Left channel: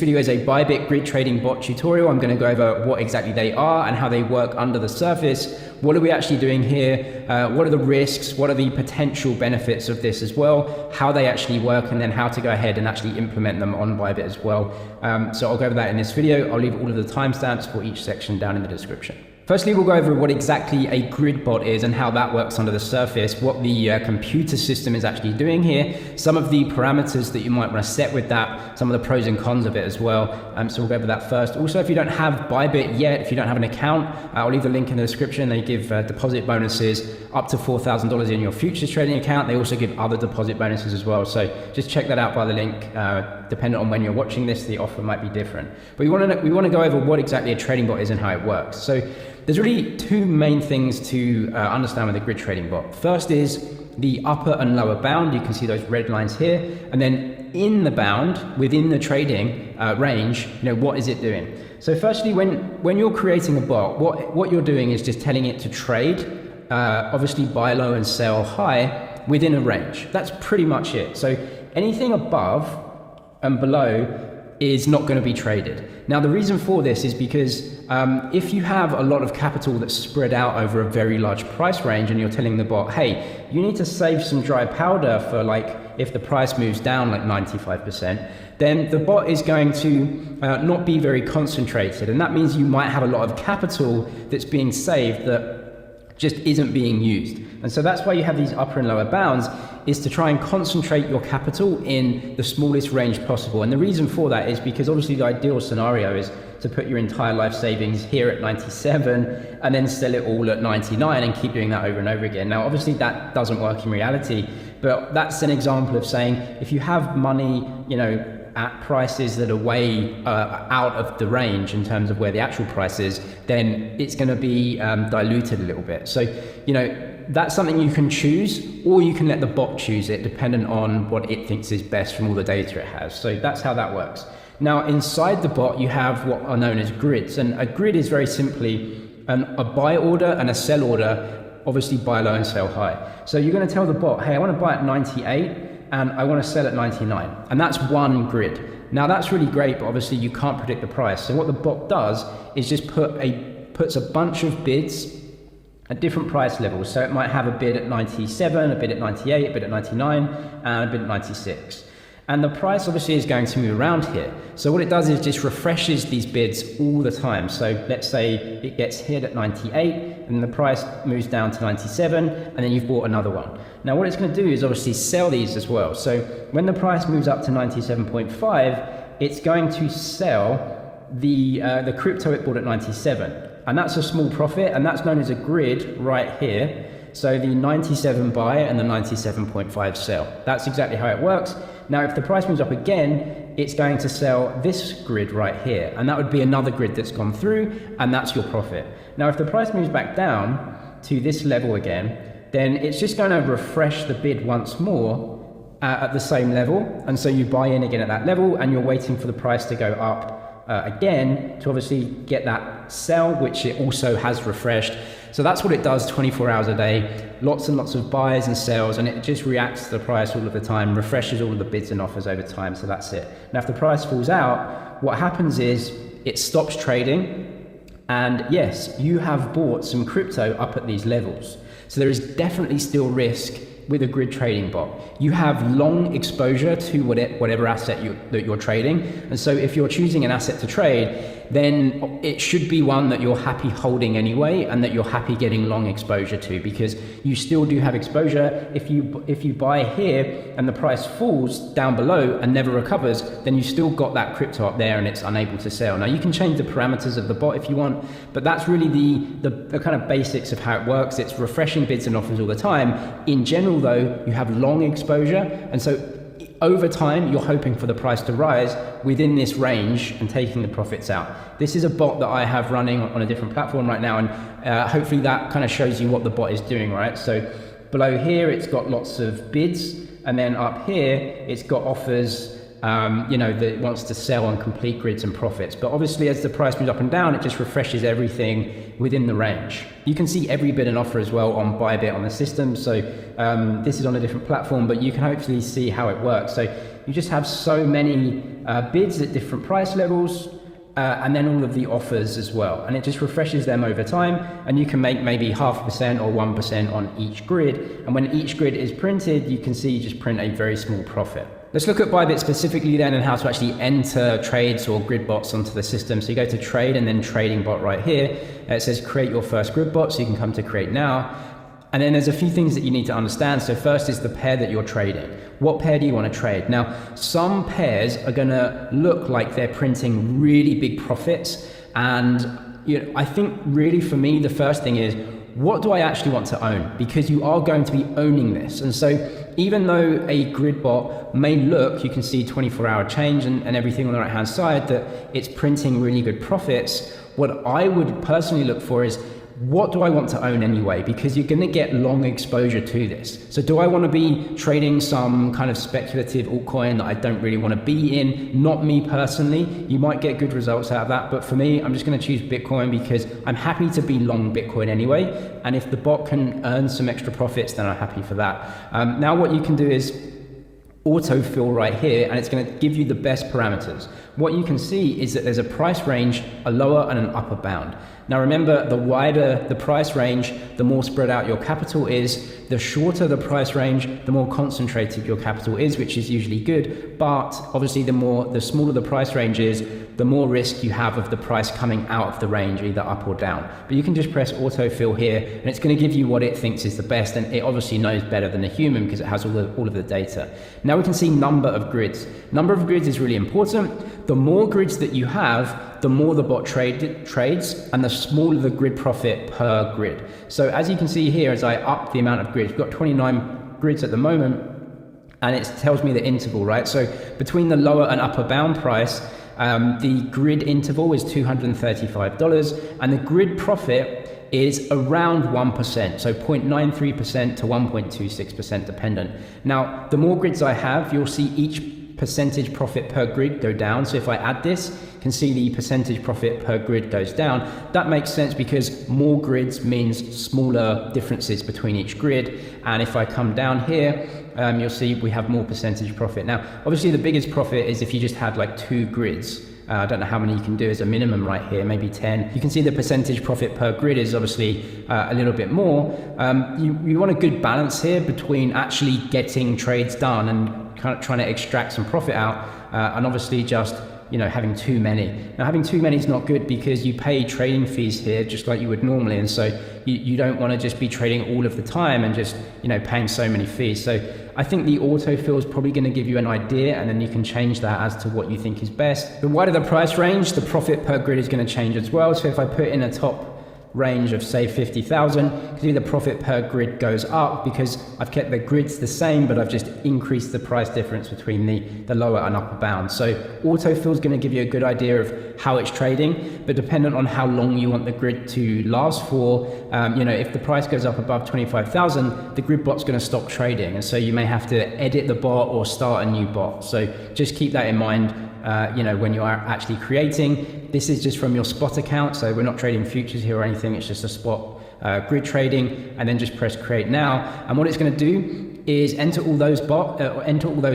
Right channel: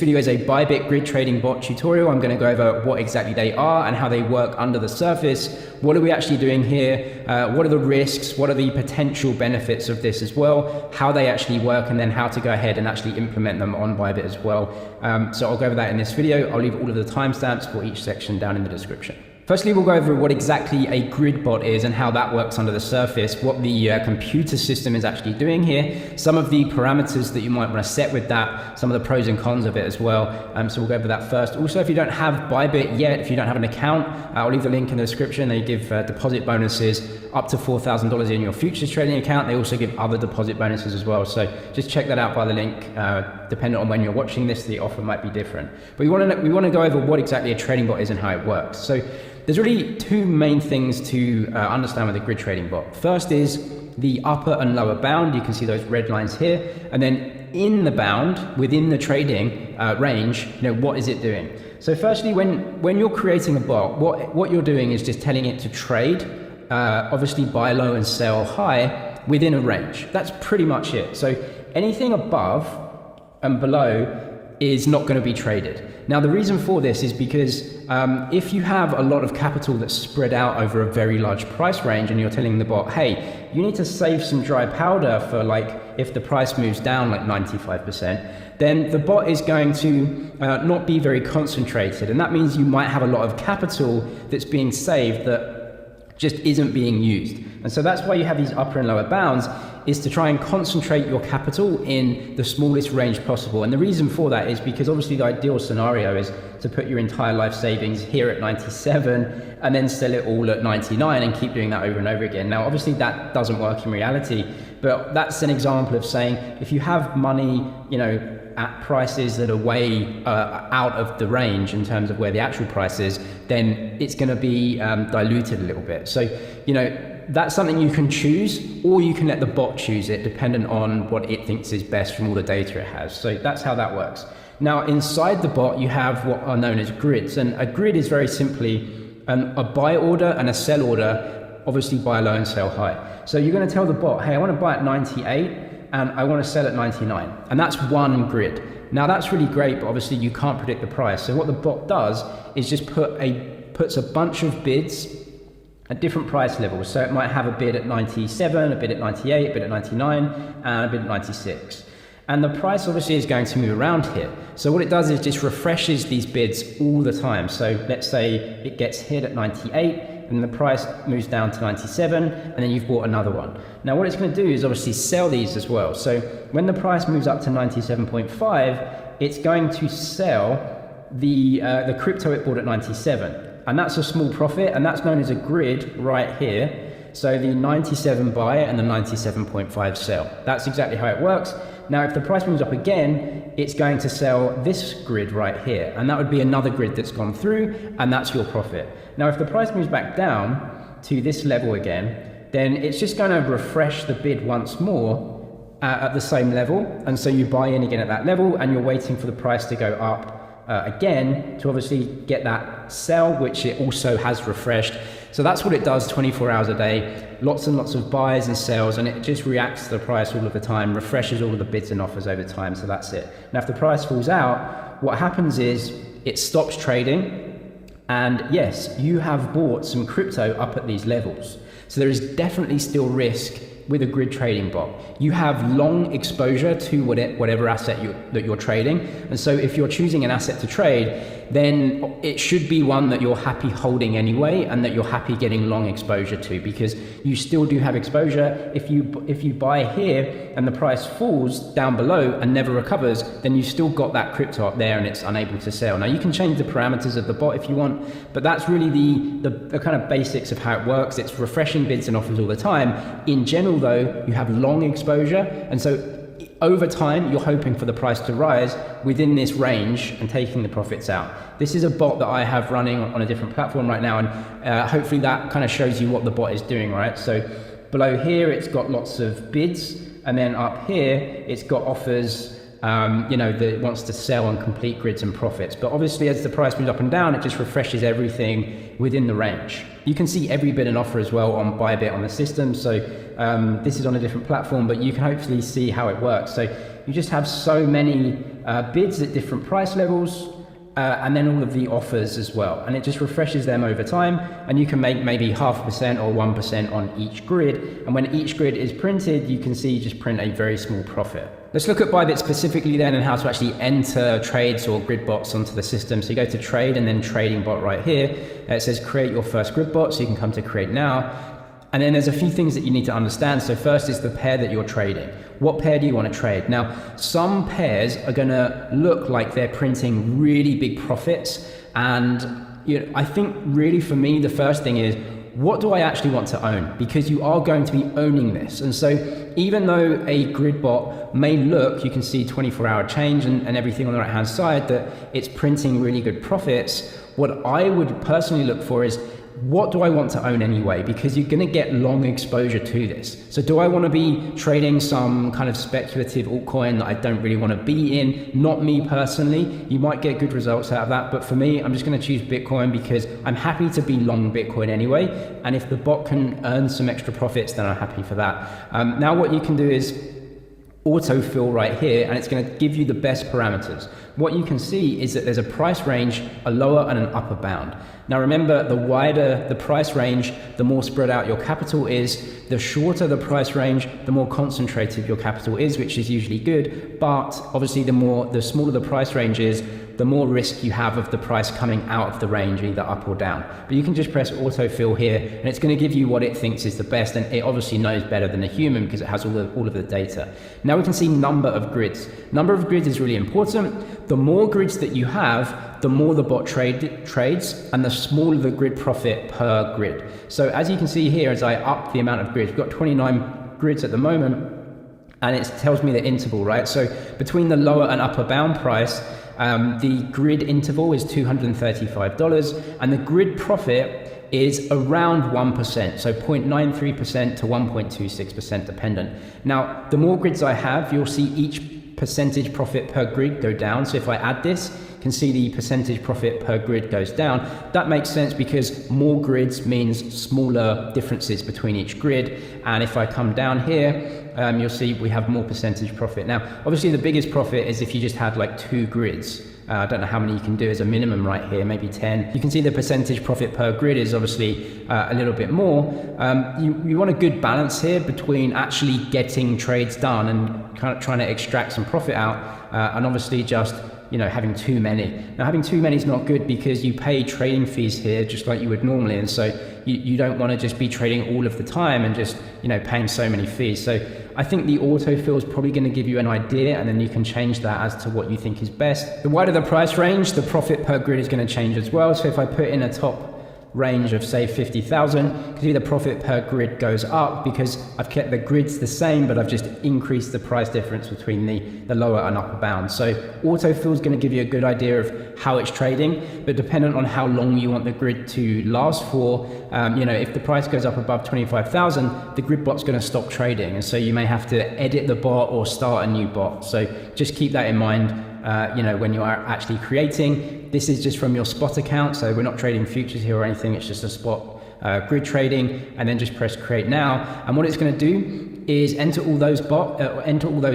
video is a Bybit grid trading bot tutorial. I'm going to go over what exactly they are and how they work under the surface. What are we actually doing here? What are the risks? What are the potential benefits of this as well? How they actually work, and then how to go ahead and actually implement them on Bybit as well. So I'll go over that in this video. I'll leave all of the timestamps for each section down in the description. Firstly, we'll go over what exactly a grid bot is and how that works under the surface, what the computer system is actually doing here, some of the parameters that you might want to set with that, some of the pros and cons of it as well. So we'll go over that first. Also, if you don't have Bybit yet, if you don't have an account, I'll leave a link in the description. They give deposit bonuses up to $4,000 in your futures trading account. They also give other deposit bonuses as well. So just check that out by the link. Depending on when you're watching this, the offer might be different. But we want to go over what exactly a trading bot is and how it works. So there's really two main things to understand with a grid trading bot. First is the upper and lower bound. You can see those red lines here. And then in the bound, within the trading range, what is it doing? So firstly, when you're creating a bot, what you're doing is just telling it to trade, obviously buy low and sell high within a range. That's pretty much it. So anything above and below is not going to be traded. Now, the reason for this is because if you have a lot of capital that's spread out over a very large price range and you're telling the bot, hey, you need to save some dry powder for if the price moves down 95%, then the bot is going to not be very concentrated. And that means you might have a lot of capital that's being saved that just isn't being used. And so that's why you have these upper and lower bounds, is to try and concentrate your capital in the smallest range possible. And the reason for that is because obviously the ideal scenario is to put your entire life savings here at 97 and then sell it all at 99 and keep doing that over and over again. Now, obviously that doesn't work in reality, but that's an example of saying, if you have money, at prices that are way out of the range in terms of where the actual price is, then it's going to be diluted a little bit. So, that's something you can choose, or you can let the bot choose it, dependent on what it thinks is best from all the data it has. So that's how that works. Now, inside the bot, you have what are known as grids. And a grid is very simply a buy order and a sell order, obviously buy low and sell high. So you're going to tell the bot, hey, I want to buy at 98 and I want to sell at 99. And that's one grid. Now, that's really great, but obviously you can't predict the price. So what the bot does is just puts a bunch of bids at different price levels. So it might have a bid at 97, a bid at 98, a bid at 99, and a bid at 96. And the price obviously is going to move around here. So what it does is just refreshes these bids all the time. So let's say it gets hit at 98 and the price moves down to 97, and then you've bought another one. Now what it's going to do is obviously sell these as well. So when the price moves up to 97.5, it's going to sell the crypto it bought at 97. And that's a small profit, and that's known as a grid right here. So the 97 buy and the 97.5 sell. That's exactly how it works. Now, if the price moves up again, it's going to sell this grid right here. And that would be another grid that's gone through, and that's your profit. Now, if the price moves back down to this level again, then it's just going to refresh the bid once more at the same level. And so you buy in again at that level, and you're waiting for the price to go up again to obviously get that sell, which it also has refreshed. So that's what it does 24 hours a day, lots and lots of buys and sells, and it just reacts to the price all of the time, refreshes all of the bids and offers over time. So that's it. Now, if the price falls out, what happens is it stops trading. And yes, you have bought some crypto up at these levels. So there is definitely still risk with a grid trading bot. You have long exposure to whatever asset that you're trading. And so if you're choosing an asset to trade, then it should be one that you're happy holding anyway, and that you're happy getting long exposure to, because you still do have exposure. If you buy here and the price falls down below and never recovers, then you still got that crypto up there and it's unable to sell. Now, you can change the parameters of the bot if you want, but that's really the kind of basics of how it works. It's refreshing bids and offers all the time. In general, though, you have long exposure, and so over time you're hoping for the price to rise within this range and taking the profits out. This is a bot that I have running on a different platform right now, and hopefully that kind of shows you what the bot is doing, right? So below here it's got lots of bids, and then up here it's got offers that it wants to sell on complete grids and profits. But obviously as the price moves up and down, it just refreshes everything within the range. You can see every bid and offer as well on Bybit on the system. So this is on a different platform, but you can hopefully see how it works. So you just have so many bids at different price levels, and then all of the offers as well. And it just refreshes them over time, and you can make maybe 0.5% or 1% on each grid. And when each grid is printed, you can see you just print a very small profit. Let's look at Bybit specifically then and how to actually enter trades or grid bots onto the system. So you go to trade and then trading bot right here. It says create your first grid bot, so you can come to create now. And then there's a few things that you need to understand. So first is the pair that you're trading. What pair do you want to trade? Now, some pairs are going to look like they're printing really big profits. And I think really for me, the first thing is, what do I actually want to own? Because you are going to be owning this. And so even though a grid bot may look, you can see 24-hour change and everything on the right-hand side, that it's printing really good profits, what I would personally look for is, what do I want to own anyway? Because you're going to get long exposure to this. So do I want to be trading some kind of speculative altcoin that I don't really want to be in? Not me personally. You might get good results out of that, but for me, I'm just going to choose Bitcoin because I'm happy to be long Bitcoin anyway. And if the bot can earn some extra profits, then I'm happy for that. Now what you can do is autofill right here, and it's going to give you the best parameters. What you can see is that there's a price range, a lower and an upper bound. Now remember, the wider the price range, the more spread out your capital is. The shorter the price range, the more concentrated your capital is, which is usually good. But obviously the smaller the price range is, the more risk you have of the price coming out of the range, either up or down. But you can just press autofill here, and it's going to give you what it thinks is the best. And it obviously knows better than a human because it has all of the data. Now we can see number of grids. Number of grids is really important. The more grids that you have, the more the bot trades, and the smaller the grid profit per grid. So as you can see here, as I up the amount of grids, we've got 29 grids at the moment, and it tells me the interval, right? So between the lower and upper bound price, the grid interval is $235, and the grid profit is around 1%, so 0.93% to 1.26% dependent. Now, the more grids I have, you'll see each percentage profit per grid go down. So if I add this, you can see the percentage profit per grid goes down. That makes sense because more grids means smaller differences between each grid. And if I come down here, you'll see we have more percentage profit. Now, obviously the biggest profit is if you just had like 2 grids. I don't know how many you can do as a minimum right here, maybe 10. You can see the percentage profit per grid is obviously a little bit more. You want a good balance here between actually getting trades done and kind of trying to extract some profit out, and obviously just having too many. Now having too many is not good because you pay trading fees here just like you would normally, and so you don't want to just be trading all of the time and just paying so many fees. So I think the autofill is probably going to give you an idea, and then you can change that as to what you think is best. The wider the price range, the profit per grid is going to change as well. So if I put in a top range of say 50,000, you can see the profit per grid goes up because I've kept the grids the same, but I've just increased the price difference between the lower and upper bound. So autofill is going to give you a good idea of how it's trading, but dependent on how long you want the grid to last for, if the price goes up above 25,000, the grid bot's going to stop trading, and so you may have to edit the bot or start a new bot. So just keep that in mind. When you are actually creating. This is just from your spot account, so we're not trading futures here or anything, it's just a spot grid trading, and then just press create now. And what it's going to do is enter all those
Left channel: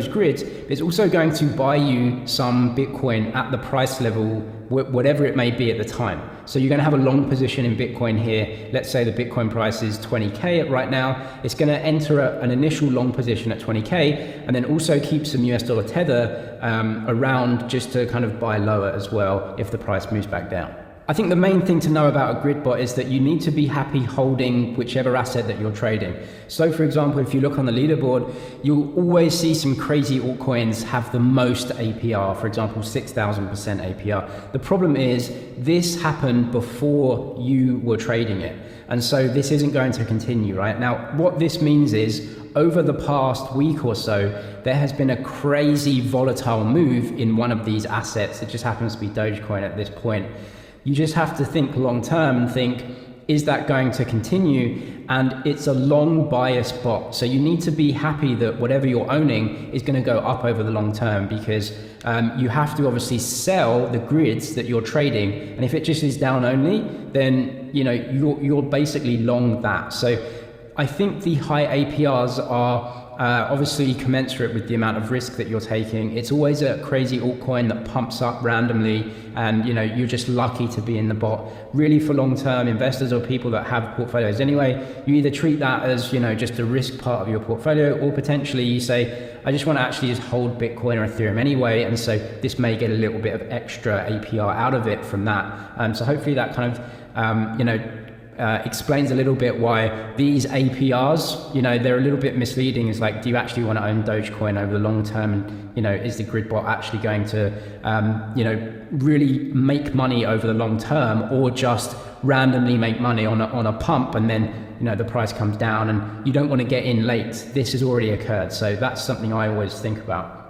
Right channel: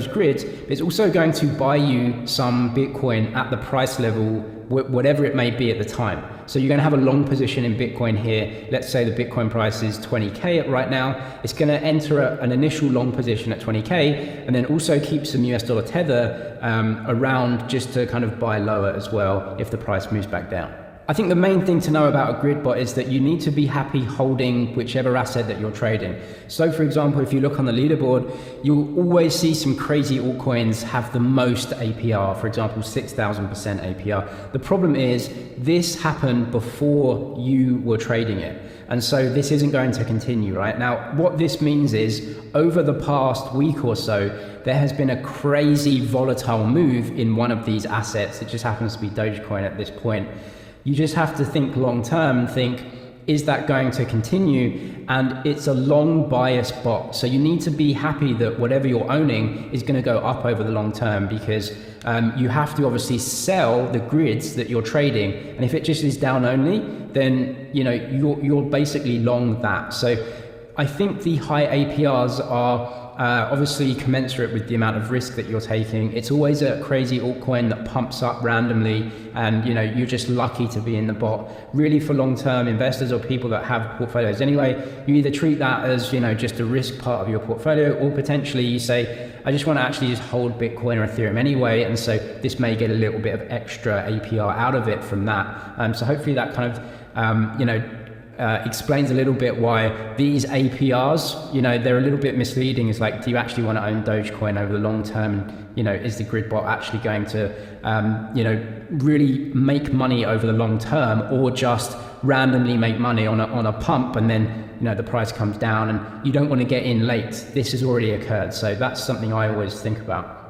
grids. It's also going to buy you some Bitcoin at the price level, whatever it may be at the time. So you're going to have a long position in Bitcoin here. Let's say the Bitcoin price is 20K right now. It's going to enter an initial long position at 20K, and then also keep some US dollar tether around just to kind of buy lower as well if the price moves back down. I think the main thing to know about a grid bot is that you need to be happy holding whichever asset that you're trading. So for example, if you look on the leaderboard, you'll always see some crazy altcoins have the most APR, for example, 6,000% APR. The problem is this happened before you were trading it. And so this isn't going to continue, right? Now, what this means is over the past week or so, there has been a crazy volatile move in one of these assets. It just happens to be Dogecoin at this point. You just have to think long term and think, is that going to continue? And it's a long bias bot. So you need to be happy that whatever you're owning is going to go up over the long term, because you have to obviously sell the grids that you're trading. And if it just is down only, then you're basically long that. So I think the high APRs are obviously commensurate with the amount of risk that you're taking. It's always a crazy altcoin that pumps up randomly, and you're just lucky to be in the bot. Really, for long-term investors or people that have portfolios anyway, you either treat that as just a risk part of your portfolio, or potentially you say, I just want to actually just hold Bitcoin or Ethereum anyway, and so this may get a little bit of extra APR out of it from that. So hopefully that kind of explains a little bit why these APRs, they're a little bit misleading. It's like, do you actually want to own Dogecoin over the long term? And, is the grid bot actually going to, really make money over the long term, or just randomly make money on a pump, and then, the price comes down and you don't want to get in late? This has already occurred. So that's something I always think about.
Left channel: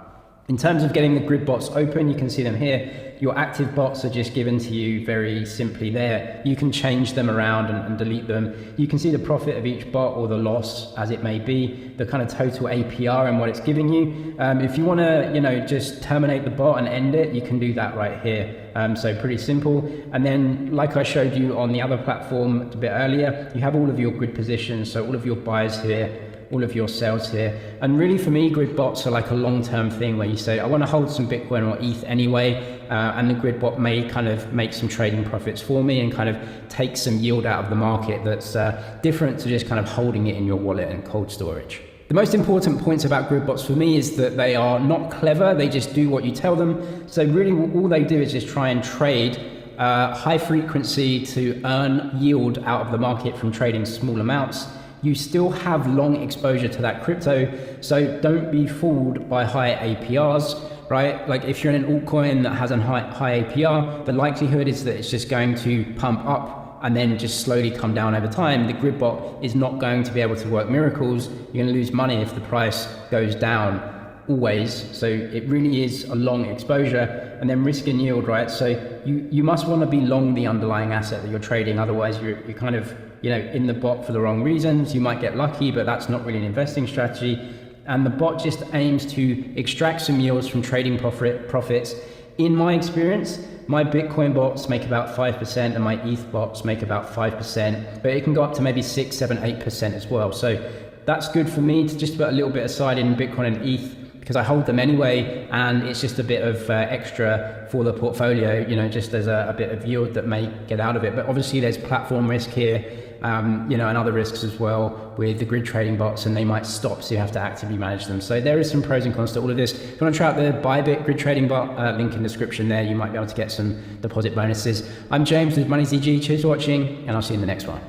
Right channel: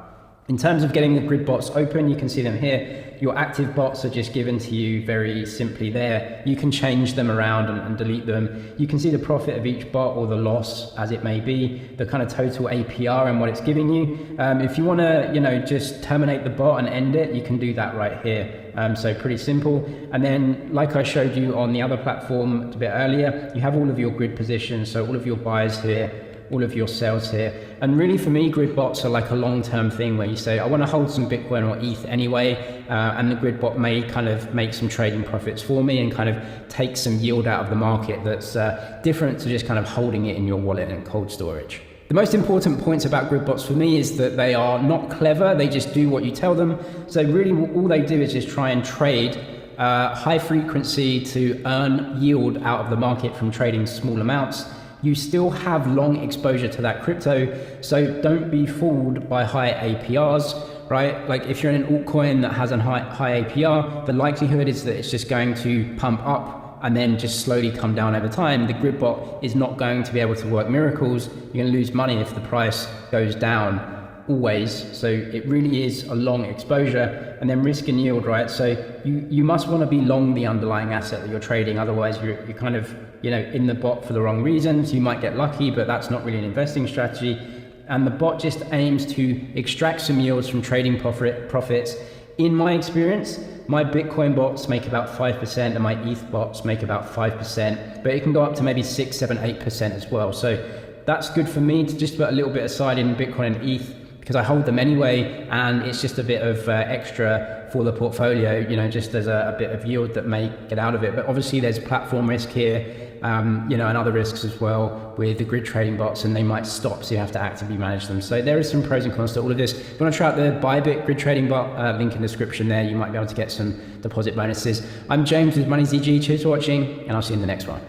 In terms of getting the grid bots open, you can see them here. Your active bots are just given to you very simply there. You can change them around and delete them. You can see the profit of each bot, or the loss as it may be, the kind of total APR and what it's giving you. If you want to, just terminate the bot and end it, you can do that right here. So pretty simple. And then, like I showed you on the other platform a bit earlier, you have all of your grid positions, so all of your buys here, all of your sales here. And really, for me, grid bots are like a long-term thing where you say, I want to hold some Bitcoin or ETH anyway, and the grid bot may kind of make some trading profits for me and kind of take some yield out of the market that's different to just kind of holding it in your wallet and cold storage. The most important points about grid bots for me is that they are not clever. They just do what you tell them. So really, all they do is just try and trade high frequency to earn yield out of the market from trading small amounts. You still have long exposure to that crypto, so don't be fooled by high APRs, right? Like, if you're in an altcoin that has a high APR, the likelihood is that it's just going to pump up and then just slowly come down over time. The grid bot is not going to be able to work miracles. You're going to lose money if the price goes down, always. So it really is a long exposure. And then risk and yield, right? So you must want to be long the underlying asset that you're trading. Otherwise, you're kind of in the bot for the wrong reasons. You might get lucky, but that's not really an investing strategy. And the bot just aims to extract some yields from trading profits. In my experience, my Bitcoin bots make about 5% and my ETH bots make about 5%, but it can go up to maybe 6, 7, 8% as well. So that's good for me to just put a little bit aside in Bitcoin and ETH, because I hold them anyway, and it's just a bit of extra for the portfolio, just as a bit of yield that may get out of it. But obviously there's platform risk here, and other risks as well with the grid trading bots, and they might stop, so you have to actively manage them. So there is some pros and cons to all of this. If you want to try out the Bybit grid trading bot, link in the description there, you might be able to get some deposit bonuses. I'm James with Money ZG, cheers for watching, and I'll see you in the next one.